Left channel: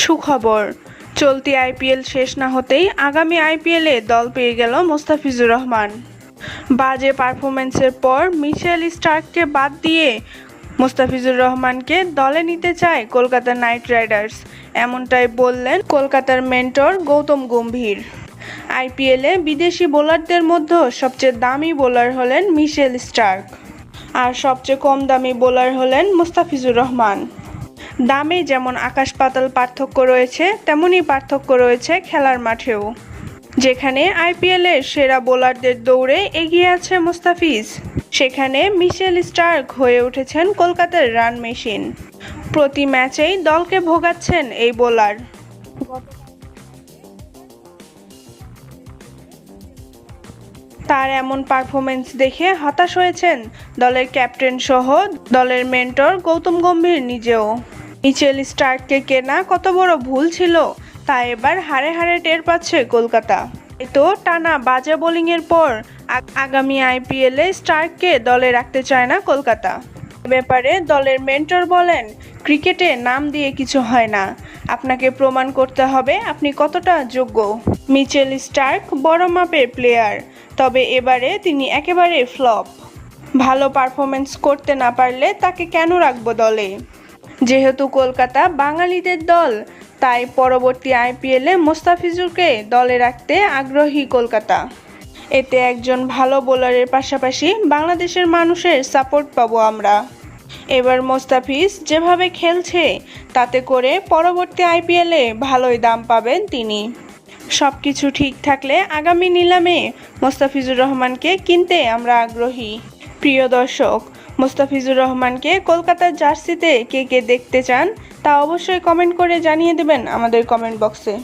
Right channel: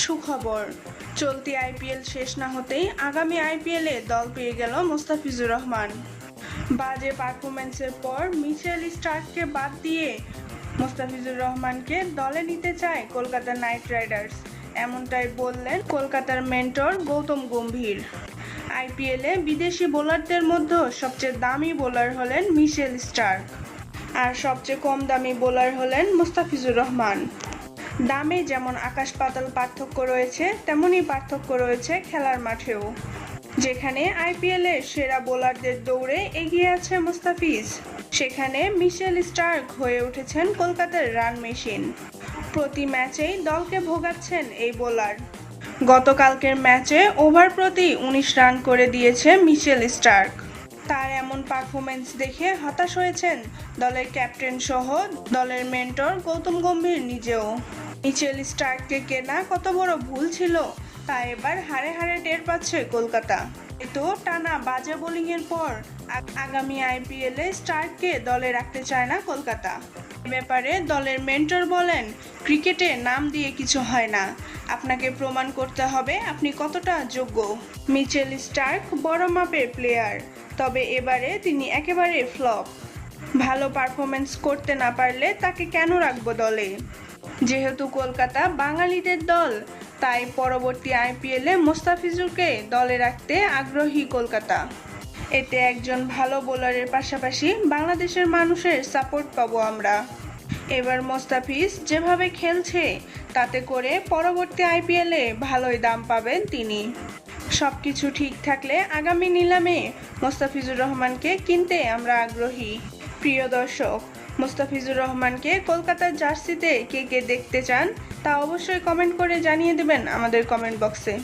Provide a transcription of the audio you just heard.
সুখবর। চলতি আইপিএল শেষ না হতেই আগামী আইপিএলে দল পেয়ে গেল মোস্তাফিজুর রহমান। বাজে পারফরমেন্সের পর মিশেল স্টার্ককে বাদ দিয়ে মোস্তাফিজুর রহমানকে দলে নিতে চায় কলকাতা নাইট রাইডার্স। এমনটাই বললেন কলকাতার মেন্টর গৌতম গম্ভীর। আইপিএলে বিদেশি বোলারদের মধ্যে সবচেয়ে দামি বোলার হলেন মিশেল স্টার্ক। আর সবচেয়ে কম দামি বোলার হলেন মুস্তাফিজুর রহমান। দামে যেমন আকাশ পাতাল পার্থক্য রয়েছে, তেমনই পার্থক্য রয়েছে খেলার মাঠেও। যেখানে আইপিএলের সেরা বোলারদের দৌড়ে এগিয়ে আছে মুস্তাফিজ। সেখানে মিশেল স্টার্ক হয়ে উঠেছেন কলকাতার রান মেশিন। প্রতি ম্যাচেই দলকে ভোগাচ্ছেন এই বোলার। গতকালকের ম্যাচে ওভার প্রতি উনিশ রান করে দিয়েছে মিশেল স্টার্ক। তার এমন পারফরমেন্স দেখে হতাশ হয়েছেন দলের ক্যাপ্টেন সহ দলের মেন্টর গৌতম গম্ভীর নিজেও। মিচেল স্টার্ককে কেনা কত বড় ভুল ছিল, তা এবার হারে হারে টের পাচ্ছে কলকাতা। তো টানা বাজে বোলিংয়ের পর আগামী আইপিএলে স্টার্ককে দলে রাখতে চায় না কলকাতা। ব্যাপারে দলের মেন্টর বলেন, ক্রিকেটে নাম দিয়ে কিছু হয় না। আপনাকে প্রমাণ করতে হবে আপনি কতটা যোগ্য। মিচেল স্টার্ক বড় মাপের প্লেয়ার, তবে এবারে তিনি একেবারে ফ্লপ। ভালো পারফরমেন্স করতে না পারলে তাকে কেন রাখব দলে? যেহেতু কলকাতা বাঙালিদের দল, তাই পরবর্তী আইপিএলে মোস্তাফিজুরকে দলে রাখতে আগ্রহী কলকাতা। এতে একজন ভালো বোলারের পাশাপাশি বাংলাদেশের মানুষের সাপোর্ট পাবো আমরা। এবার মোস্তাফিজ যেভাবে খেলছে, তাতে করে পরবর্তী আইপিএলে ভালোই দাম পাবেন তিনি। সব কিছু ঠিক থাকলে আগামী নিলামে মোস্তাফিজুর রহমানকে কিনতে আমরা আগ্রহী। প্রিয় দর্শক মোস্তাফিজুর রহমানকে কলকাতার জার্সিতে কে কে দেখতে চান তা অবশ্যই কমেন্ট করে জানিয়ে দেবেন আমাদের কমেন্ট বক্সে।